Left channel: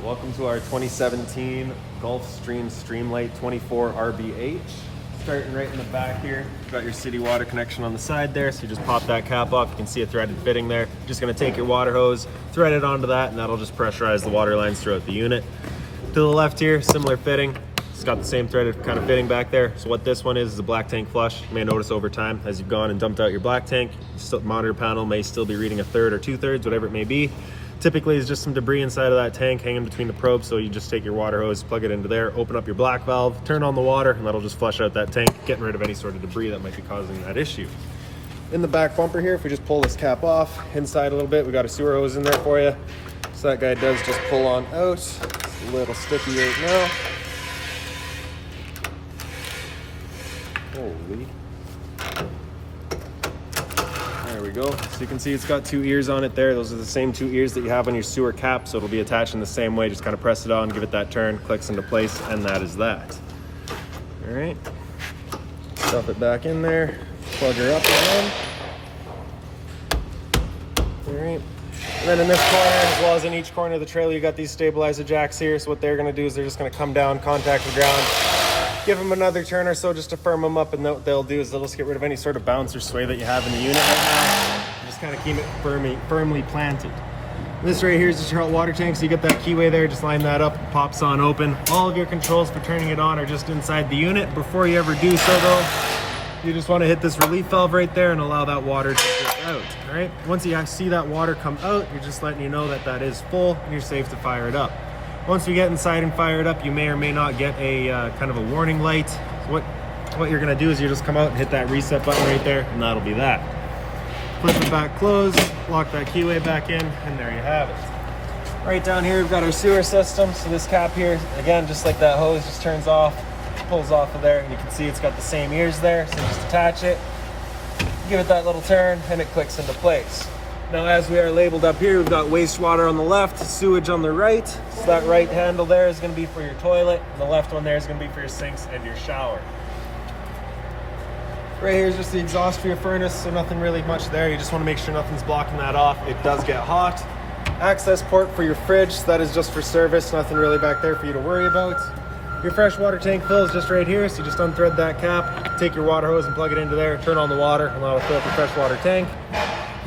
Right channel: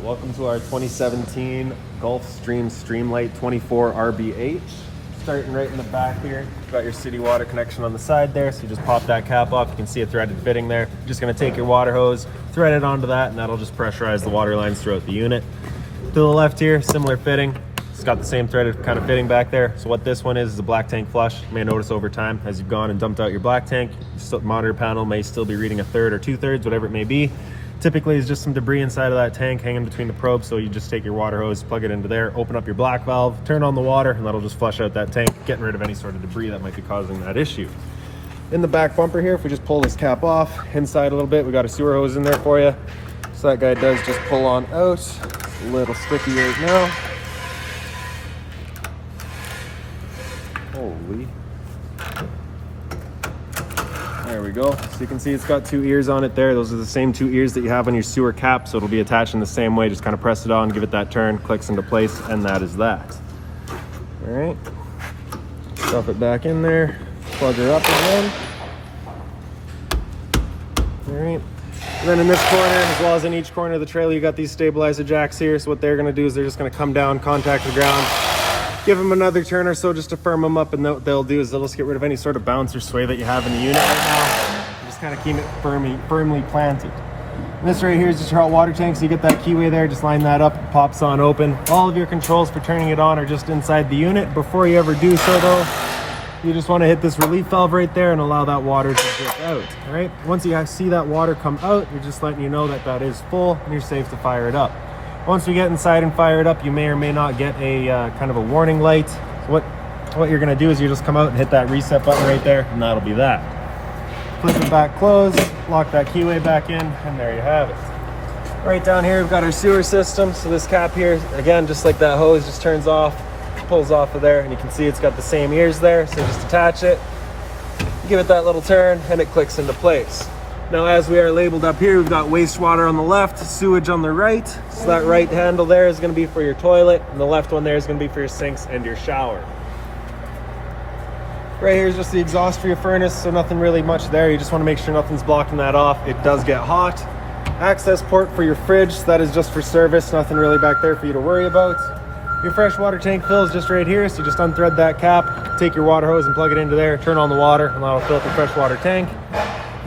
Welcome to our 2017 Gulfstream Lite 24 RBH. Starting right in the back here, you've got your city water connection on the side there, so you just pop that cap off. You can see a threaded fitting there. You're just going to take your water hose, thread it onto that, and that'll just pressurize the water lines throughout the unit. To the left here, similar fitting. It's got the same threaded kind of fitting back there. So what this one is a black tank flush. You may notice over time as you've gone and dumped out your black tank, the monitor panel may still be reading 1/3 or 2/3, whatever it may be. Typically, it's just some debris inside of that tank hanging between the probes, so you just take your water hose, plug it into there, open up your black valve, turn on the water, and that'll just flush out that tank, getting rid of any sort of debris that might be causing that issue. In the back bumper here, if we just pull this cap off, inside a little bit, we got a sewer hose in there for you. So that guy does just pull on out. It's a little sticky right now. Holy. There we go. So you can see it's got 2 ears on it there. Those are the same 2 ears that you have on your sewer cap, so it'll be attached in the same way. Just kind of press it on, give it that turn, clicks into place, and that is that. All right. Stuff it back in there, plug her up again. All right. And then in this corner, as well as in each corner of the trailer, you got these stabilizer jacks here. So what they're going to do is they're just going to come down, contact the ground, give them another turn or so just to firm them up, and what they'll do is they'll just get rid of any sort of bounce or sway that you have in the unit right now, and just kind of keep it firmly planted. And this right here is just your hot water tank, so you get that keyway there, just line that up, it pops on open. All of your controls for turning it on are just inside the unit. Before you ever do so though, you just want to hit this relief valve right there and allow that water to drip out. All right, once you see that water come out, you're just letting you know that that is full and you're safe to fire it up. Once we get inside and fire it up, you may or may not get a kind of a warning light. So what you're gonna do is you just come out and hit that reset button right there, and that'll be that. Flip it back closed, lock that keyway back in, and there you have it. Right down here, we've got our sewer system. So this cap here, again, just like that hose, just turns off, pulls off of there, and you can see it's got the same ears there. So just attach it, give it that little turn, and it clicks into place. Now, as we are labeled up here, we've got wastewater on the left, sewage on the right. So that right handle there is going to be for your toilet, and the left one there is going to be for your sinks and your shower. Right here is just the exhaust for your furnace, so nothing really much there. You just want to make sure nothing's blocking that off. It does get hot. Access port for your fridge, that is just for service, nothing really back there for you to worry about. Your fresh water tank fill is just right here, so you just unthread that cap, take your water hose and plug it into there, turn on the water, and that'll fill up the fresh water tank.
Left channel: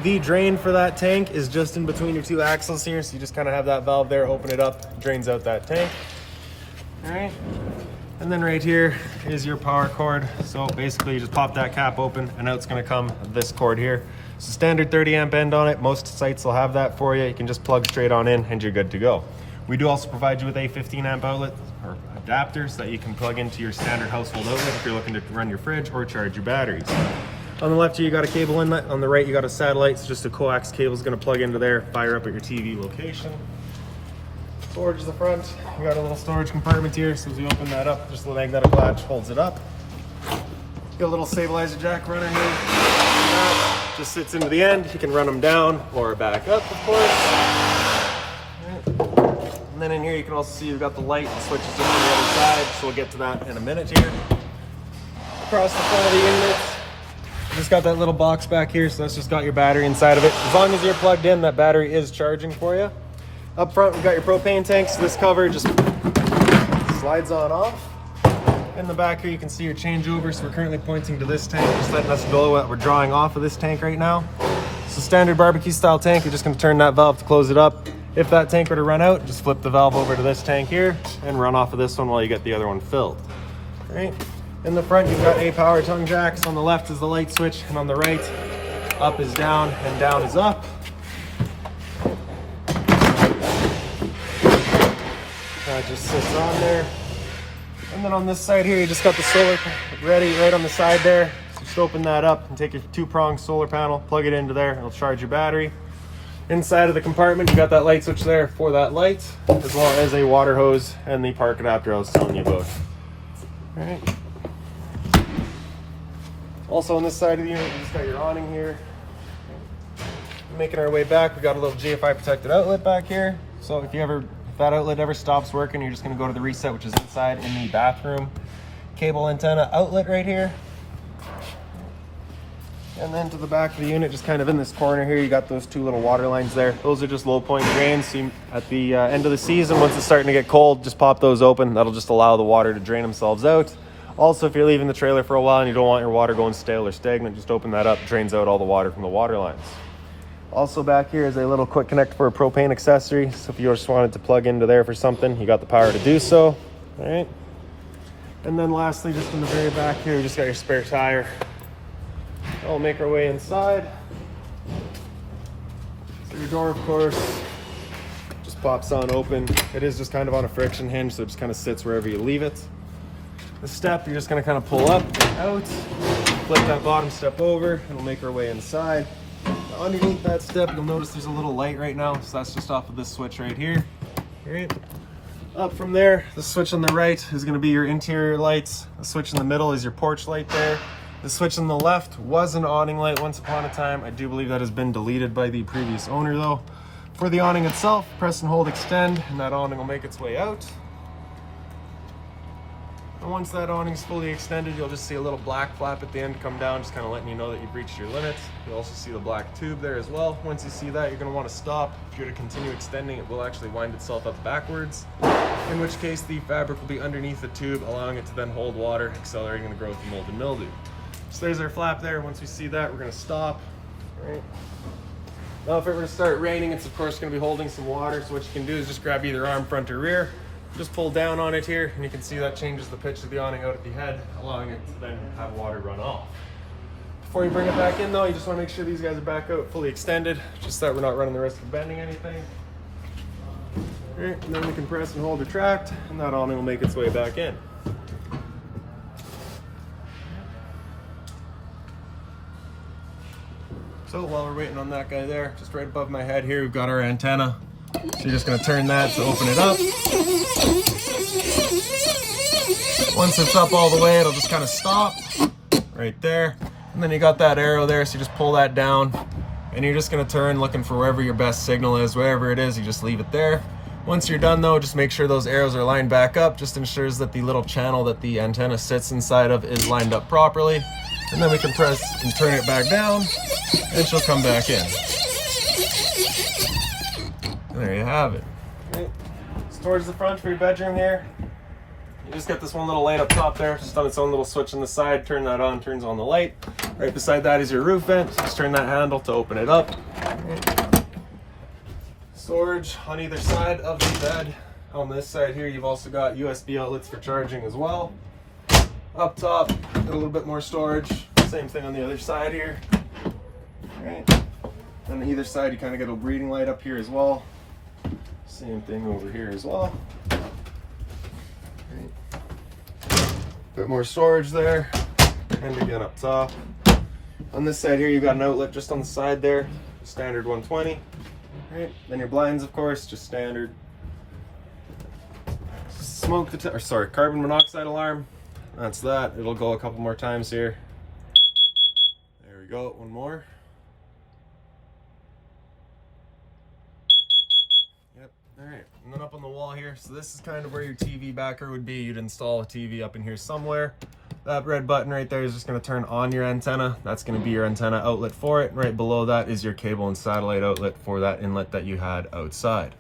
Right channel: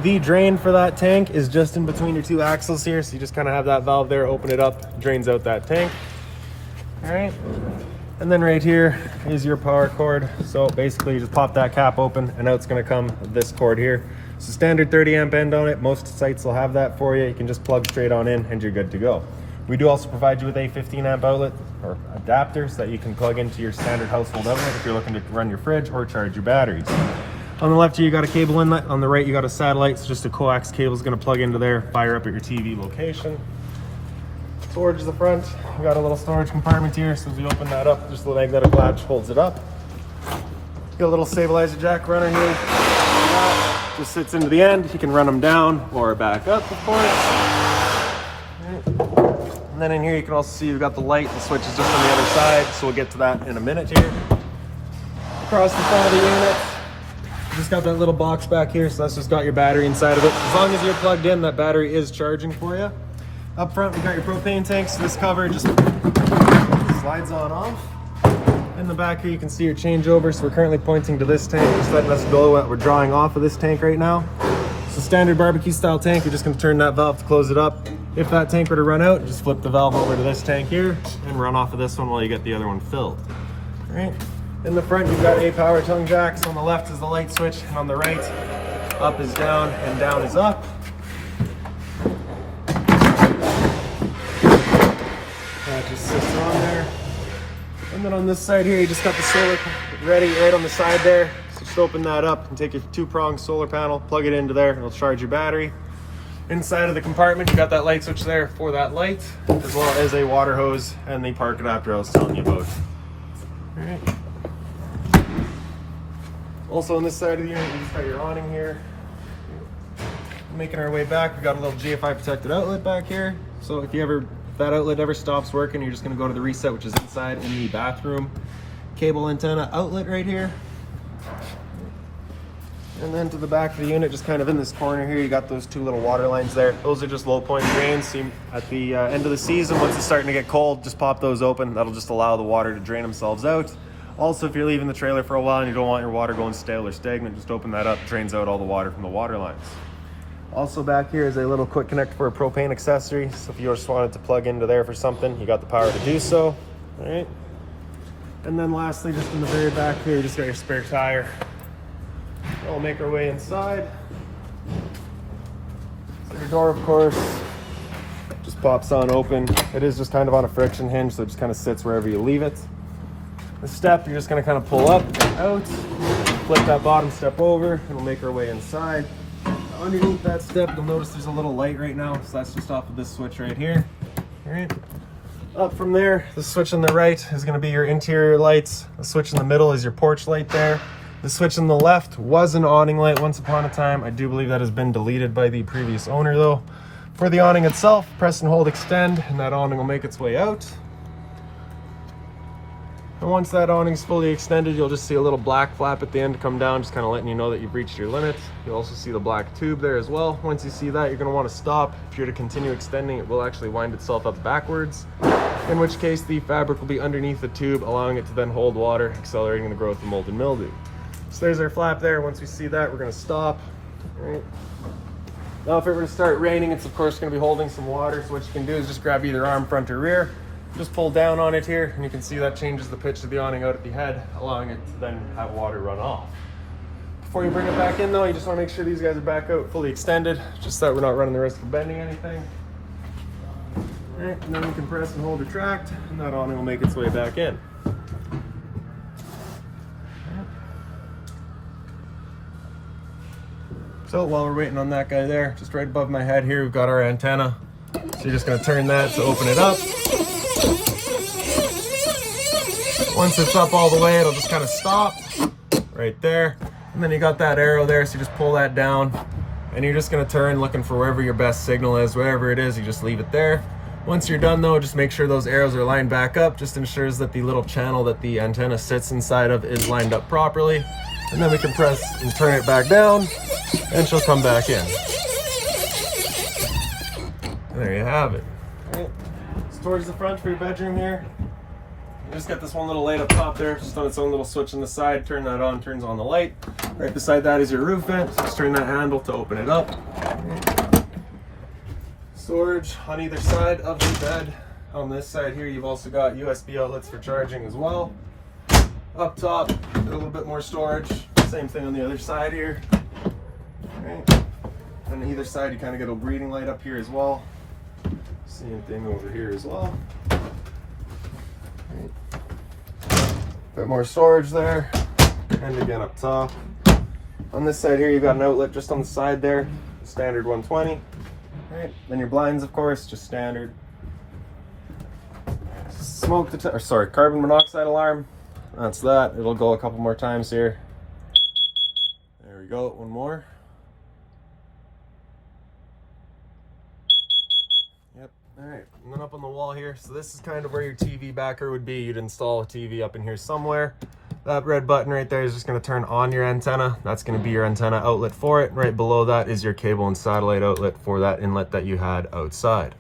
The drain for that tank is just in between your 2 axles here, so you just kind of have that valve there, open it up, drains out that tank. All right, and then right here is your power cord. So basically you just pop that cap open and out it's going to come this cord here. It's a standard 30 amp end on it. Most sites will have that for you. You can just plug straight on in and you're good to go. We do also provide you with a 15 amp outlet or adapter so that you can plug into your standard household outlet if you're looking to run your fridge or charge your batteries. On the left here, you got a cable inlet. On the right, you got a satellite. So just a coax cable is going to plug into there, fire up at your TV location. Storage is the front. You got a little storage compartment here. So as you open that up, just the magnetic latch holds it up. Got a little stabilizer jack running here. That just sits into the end. You can run them down or back up, of course. And then in here, you can also see you've got the light. The switch is just on the other side. So we'll get to that in a minute here. Across the front of the unit, just got that little box back here, so that's just got your battery inside of it. As long as you're plugged in, that battery is charging for you. Up front, we've got your propane tanks. This cover just slides on off. In the back here, you can see your changeover. So we're currently pointing to this tank. Just letting us go. We're drawing off of this tank right now. It's a standard barbecue style tank. You're just gonna turn that valve to close it up. If that tank were to run out, just flip the valve over to this tank here and run off of this one while you get the other one filled. All right. In the front, you've got 8 power tongue jacks. On the left is the light switch, and on the right, up is down and down is up. That just sits on there. And then on this side here, you just got the solar ready right on the side there. So just open that up and take your 2-prong solar panel, plug it into there, and it'll charge your battery. Inside of the compartment, you got that light switch there for that light, as well as a water hose and the park adapter I was telling you about. All right. Also on this side of the unit, you just got your awning here. Making our way back, we've got a little GFI protected outlet back here. So if that outlet ever stops working, you're just gonna go to the reset, which is inside in the bathroom. Cable antenna outlet right here. And then to the back of the unit, just kind of in this corner here, you got those two little water lines there. Those are just low point drains. So at the end of the season, once it's starting to get cold, just pop those open. That'll just allow the water to drain themselves out. Also, if you're leaving the trailer for a while and you don't want your water going stale or stagnant, just open that up, drains out all the water from the water lines. Also back here is a little quick connect for a propane accessory. So if you just wanted to plug into there for something, you got the power to do so. All right. And then lastly, just in the very back here, you just got your spare tire. We'll make our way inside. So your door, of course, just pops on open. It is just kind of on a friction hinge, so it just kind of sits wherever you leave it. The step, you're just going to kind of pull up and out, flip that bottom step over, and we'll make our way inside. Underneath that step, you'll notice there's a little light right now, so that's just off of this switch right here. All right. Up from there, the switch on the right is going to be your interior lights. The switch in the middle is your porch light there. The switch on the left was an awning light once upon a time. I do believe that has been deleted by the previous owner though. For the awning itself, press and hold extend, and that awning will make its way out. And once that awning's fully extended, you'll just see a little black flap at the end come down, just kind of letting you know that you've reached your limit. You'll also see the black tube there as well. Once you see that, you're going to want to stop. If you're to continue extending, it will actually wind itself up backwards, in which case the fabric will be underneath the tube, allowing it to then hold water, accelerating the growth of mold and mildew. So there's our flap there. Once we see that, we're going to stop. Right. Now if it were to start raining, it's of course going to be holding some water, so what you can do is just grab either arm, front, or rear. Just pull down on it here, and you can see that changes the pitch of the awning out at the head, allowing it to then have water run off. Before you bring it back in though, you just want to make sure these guys are back out fully extended, just so that we're not running the risk of bending anything. All right, and then we can press and hold retract, and that awning will make its way back in. So while we're waiting on that guy there, just right above my head here, we've got our antenna. So you're just going to turn that to open it up. Once it's up all the way, it'll just kind of stop right there. And then you got that arrow there, so you just pull that down. And you're just going to turn looking for wherever your best signal is. Wherever it is, you just leave it there. Once you're done though, just make sure those arrows are lined back up. Just ensures that the little channel that the antenna sits inside of is lined up properly. And then we can press and turn it back down, and she'll come back in. And there you have it. All right. So towards the front for your bedroom here, you just got this one little light up top there, just on its own little switch on the side. Turn that on, turns on the light. Right beside that is your roof vent. Just turn that handle to open it up. Storage on either side of the bed. On this side here, you've also got USB outlets for charging as well. Up top, a little bit more storage. Same thing on the other side here. Right. On either side, you kind of get a breathing light up here as well. Same thing over here as well. Right. Bit more storage there, and again up top. On this side here, you've got an outlet just on the side there, standard 120. Right. Then your blinds, of course, just standard. Carbon monoxide alarm. That's that. It'll go a couple more times here. There we go. One more. Yep. All right. And then up on the wall here. So this is kind of where your TV backer would be. You'd install a TV up in here somewhere. That red button right there is just going to turn on your antenna. That's going to be your antenna outlet for it. Right below that is your cable and satellite outlet for that inlet that you had outside.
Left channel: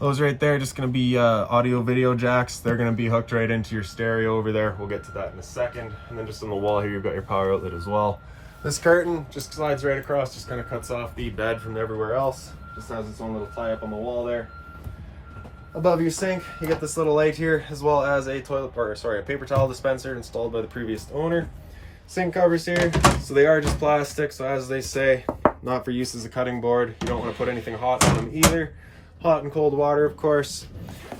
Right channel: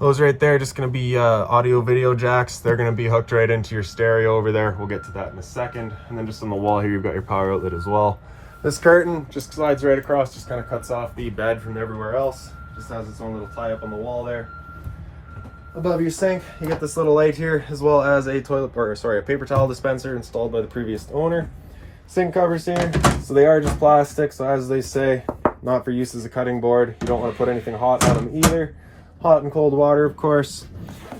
Those right there are just going to be audio video jacks. They're going to be hooked right into your stereo over there. We'll get to that in a second. And then just on the wall here, you've got your power outlet as well. This curtain just slides right across, just kind of cuts off the bed from everywhere else. Just has its own little tie up on the wall there. Above your sink, you get this little light here, as well as a paper towel dispenser installed by the previous owner. Sink covers here, so they are just plastic, so as they say, not for use as a cutting board. You don't want to put anything hot on them either. Hot and cold water, of course.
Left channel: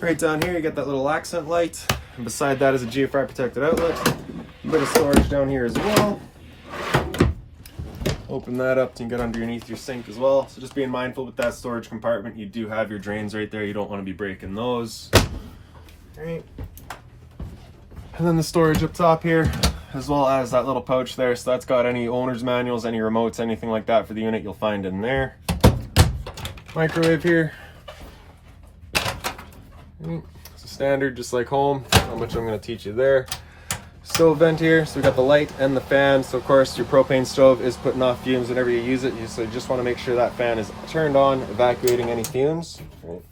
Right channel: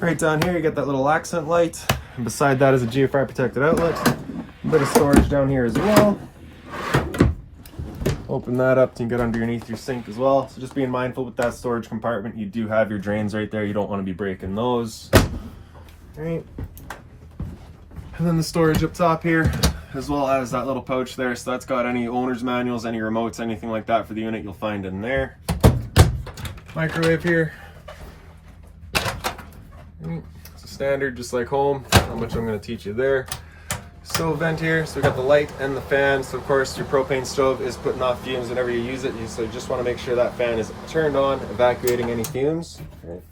Right down here, you get that little accent light. And beside that is a GFI protected outlet. A bit of storage down here as well. Open that up to get underneath your sink as well. So just being mindful with that storage compartment, you do have your drains right there. You don't want to be breaking those. All right. And then the storage up top here, as well as that little pouch there. So that's got any owner's manuals, any remotes, anything like that for the unit, you'll find in there. Microwave here. It's a standard, just like home, which I'm going to teach you there. stove vent here. So we got the light and the fan. So of course your propane stove is putting off fumes whenever you use it. So you just want to make sure that fan is turned on, evacuating any fumes. Right.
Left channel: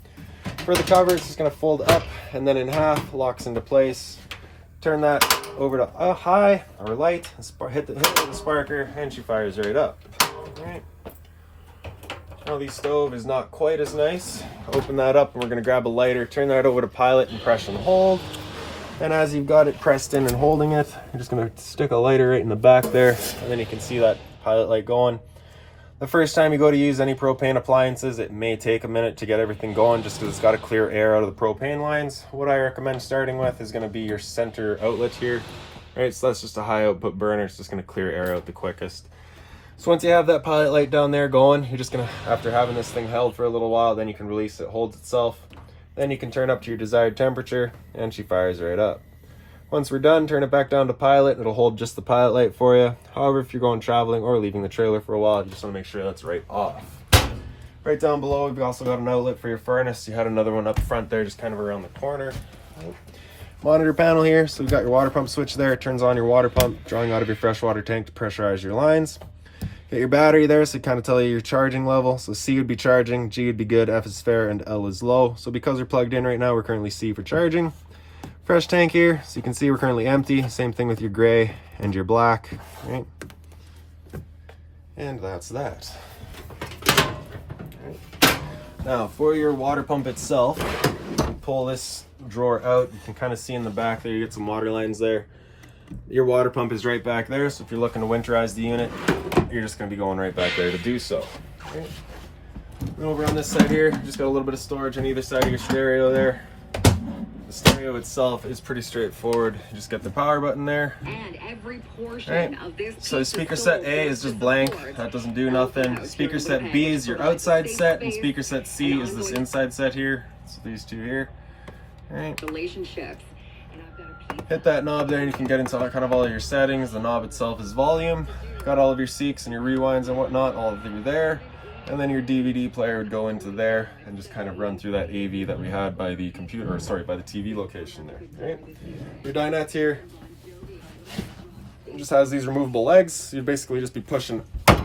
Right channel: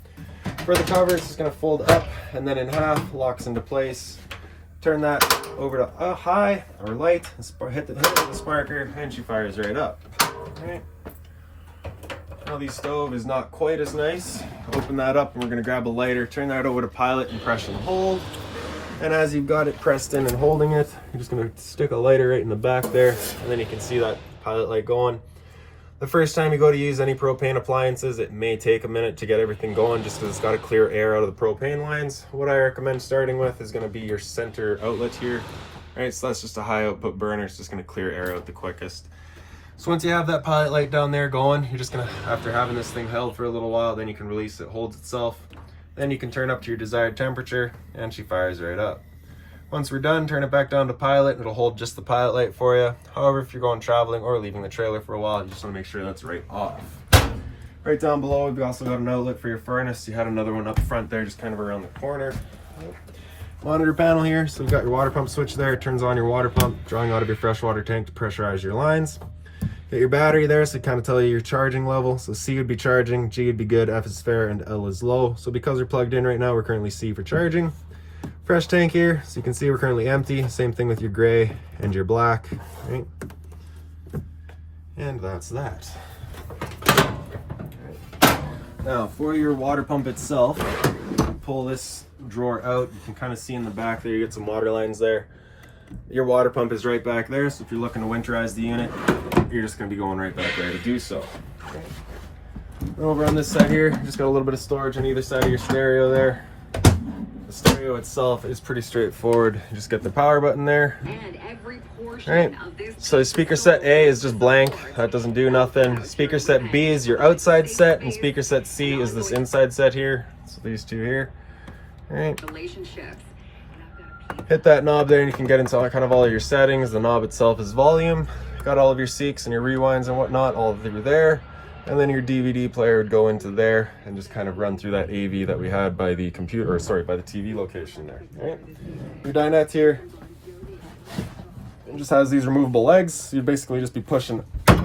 For the cover, it's just going to fold up and then in half, locks into place. Turn that over to high or light, hit the sparker, and she fires right up. Right. Now the stove is not quite as nice. Open that up and we're going to grab a lighter, turn that over to pilot and press and hold. And as you've got it pressed in and holding it, you're just going to stick a lighter right in the back there, and then you can see that pilot light going. The first time you go to use any propane appliances, it may take a minute to get everything going just because it's got to clear air out of the propane lines. What I recommend starting with is going to be your center outlet here. Right, so that's just a high output burner. It's just going to clear air out the quickest. So once you have that pilot light down there going, you're just going to, after having this thing held for a little while, then you can release it, holds itself. Then you can turn up to your desired temperature and she fires right up. Once we're done, turn it back down to pilot. It'll hold just the pilot light for you. However, if you're going traveling or leaving the trailer for a while, you just want to make sure that's right off. Right down below, we've also got an outlet for your furnace. You had another one up front there, just kind of around the corner. Monitor panel here. So we've got your water pump switch there. It turns on your water pump, drawing out of your freshwater tank to pressurize your lines. Get your battery there, so it kind of tell you your charging level. So C would be charging, G would be good, F is fair, and L is low. So because we're plugged in right now, we're currently C for charging. Fresh tank here, so you can see we're currently empty. Same thing with your gray and your black, right? And that's that. Right. Now for your water pump itself, pull this drawer out. You can kind of see in the back there, you get some water lines there. Your water pump is right back there, so if you're looking to winterize the unit, you're just going to be going right back there to do so. Right. Over on this side here, just got a little bit of storage on either side of your stereo there. The stereo itself is pretty straightforward. You just get the power button there. And every portion of this. So speaker set A is just blank. That doesn't do nothing. Speaker set B is your outside set, and speaker set C is this inside set here. So these two here. All right. Relationships. Hit that knob there and you can get into kind of all of your settings. The knob itself is volume. Got all of your seeks and your rewinds and whatnot, all of them there. And then your DVD player would go into there and just kind of run through that AV that we had by the computer, or sorry, by the TV location there. Right? Your dinette here, it just has these removable legs. So you basically just be pushing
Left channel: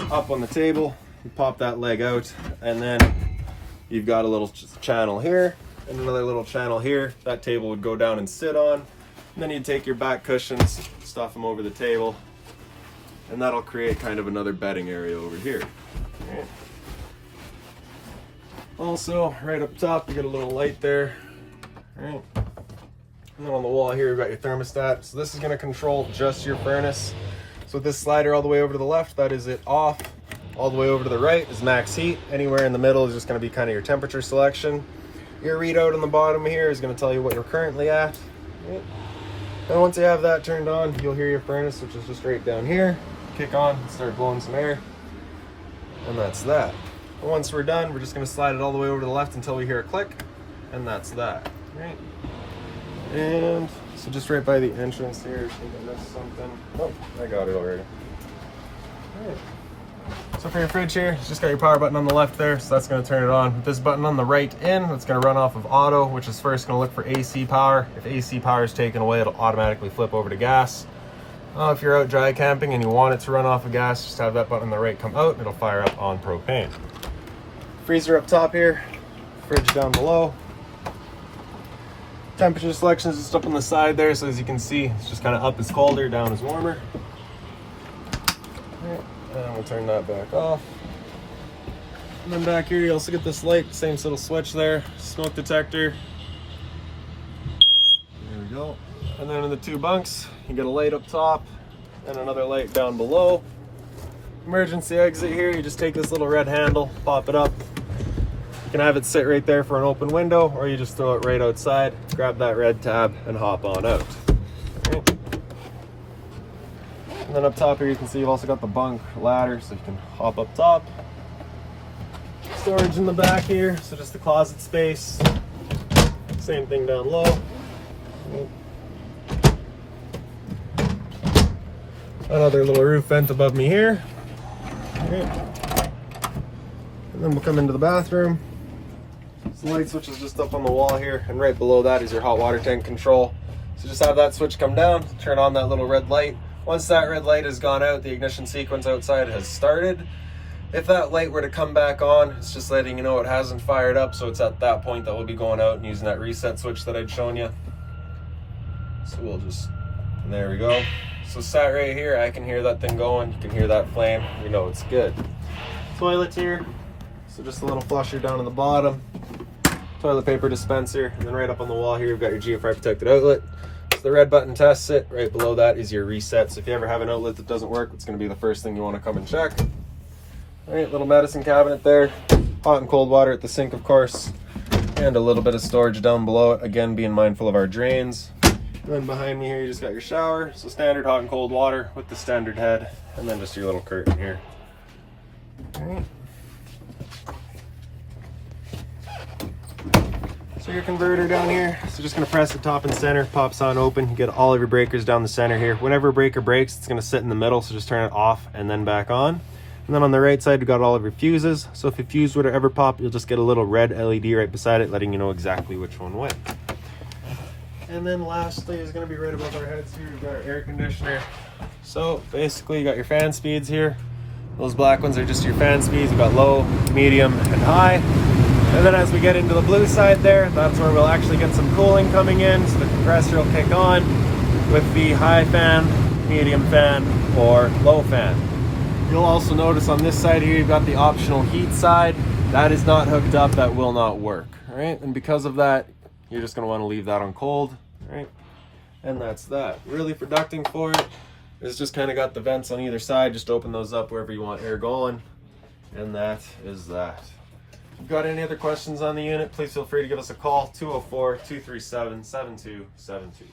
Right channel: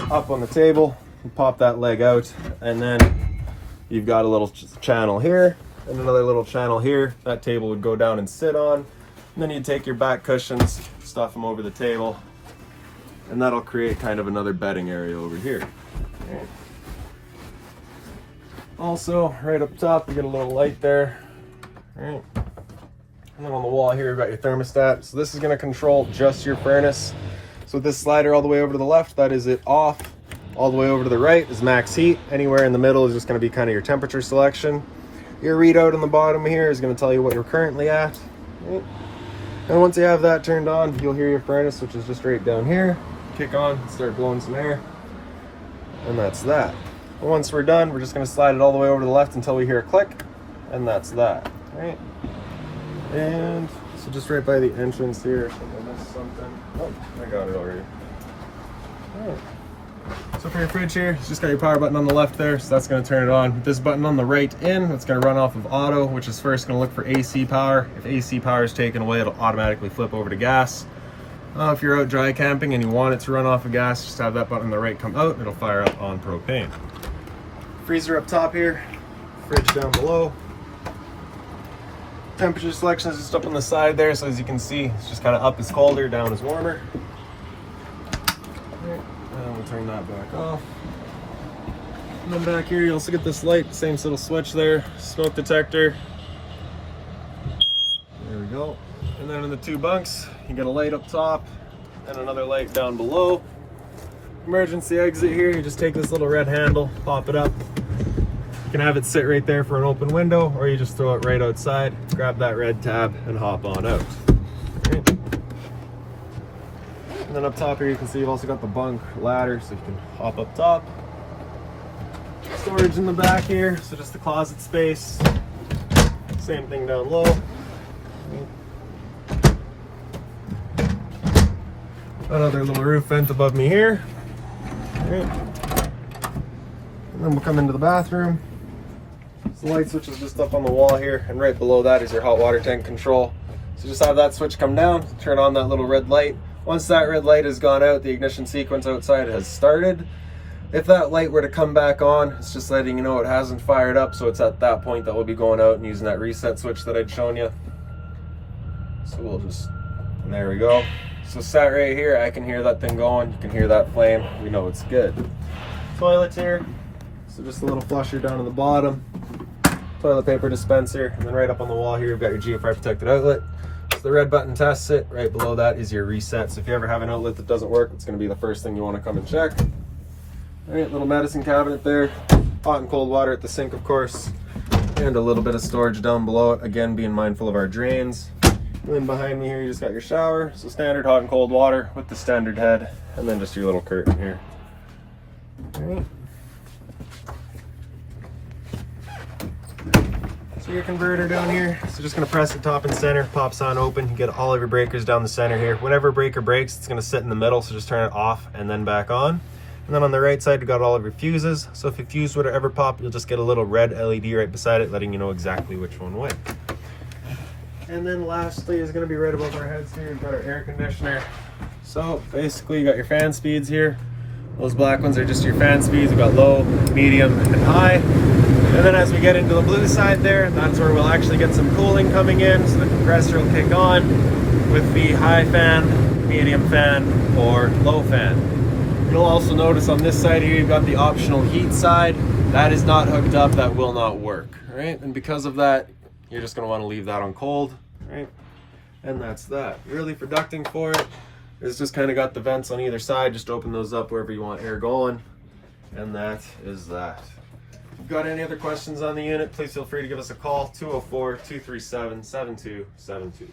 up on the table, you pop that leg out, and then you've got a little channel here and another little channel here. That table would go down and sit on. And then you take your back cushions, stuff them over the table, and that'll create kind of another bedding area over here. Right. Also, right up top, you get a little light there. Right. And then on the wall here, you've got your thermostat. So this is going to control just your furnace. So with this slider all the way over to the left, that is it off. All the way over to the right is max heat. Anywhere in the middle is just going to be kind of your temperature selection. Your readout on the bottom here is going to tell you what you're currently at. Right. And once you have that turned on, you'll hear your furnace, which is just right down here, kick on and start blowing some air. And that's that. And once we're done, we're just going to slide it all the way over to the left until we hear a click, and that's that. Right? And so just right by the entrance here, I think I missed something. Oh, I got it already. All right. So for your fridge here, it's just got your power button on the left there, so that's going to turn it on. With this button on the right in, it's going to run off of auto, which is first going to look for AC power. If AC power is taken away, it'll automatically flip over to gas. If you're out dry camping and you want it to run off of gas, just have that button on the right come out, it'll fire up on propane. Freezer up top here, fridge down below. Temperature selection is just up on the side there, so as you can see, it's just kind of up is colder, down is warmer. And we'll turn that back off. And then back here, you also get this light, same little switch there, smoke detector. There we go. And then in the two bunks, you get a light up top and another light down below. Emergency exit here, you just take this little red handle, pop it up. You can have it sit right there for an open window, or you just throw it right outside, grab that red tab and hop on out. Right. And then up top here, you can see you've also got the bunk ladder, so you can hop up top. Storage in the back here, so just the closet space. Same thing down low. Another little roof vent above me here. And then we'll come into the bathroom. So the light switch is just up on the wall here, and right below that is your hot water tank control. So just have that switch come down, turn on that little red light. Once that red light has gone out, the ignition sequence outside has started. If that light were to come back on, it's just letting you know it hasn't fired up, so it's at that point that we'll be going out and using that reset switch that I'd shown you. So we'll just, and there we go. So sat right here, I can hear that thing going, you can hear that flame, you know it's good. Toilets here, so just a little flusher down on the bottom, toilet paper dispenser, and then right up on the wall here you've got your GFI protected outlet. So the red button tests it, right below that is your reset. So if you ever have an outlet that doesn't work, it's going to be the first thing you want to come and check. Alright, little medicine cabinet there, hot and cold water at the sink of course, and a little bit of storage down below it, again being mindful of our drains. And then behind me here you just got your shower, so standard hot and cold water with the standard head, and then just your little curtain here. Alright. So your converter down here, so just going to press the top and center, pops on open, you get all of your breakers down the center here. Whenever a breaker breaks, it's going to sit in the middle, so just turn it off and then back on. And then on the right side, you got all of your fuses. So if your fuse were to ever pop, you'll just get a little red LED right beside it, letting you know exactly which one went. And then lastly is going to be right above our heads here, we've got our air conditioner. So basically you got your fan speeds here. Those black ones are just your fan speeds. You got low, medium, and high. And then as we get into the blue side there, that's where we'll actually get some cooling coming in. So the compressor will kick on with the high fan, medium fan, or low fan. You'll also notice on this side here, you've got the optional heat side. That is not hooked up, that will not work, right? And because of that, you're just gonna wanna leave that on cold, right? And that's that. Really for ducting for it, it's just kind of got the vents on either side. Just open those up wherever you want air going. And that is that. If you've got any other questions on the unit, please feel free to give us a call, 204-237-7272.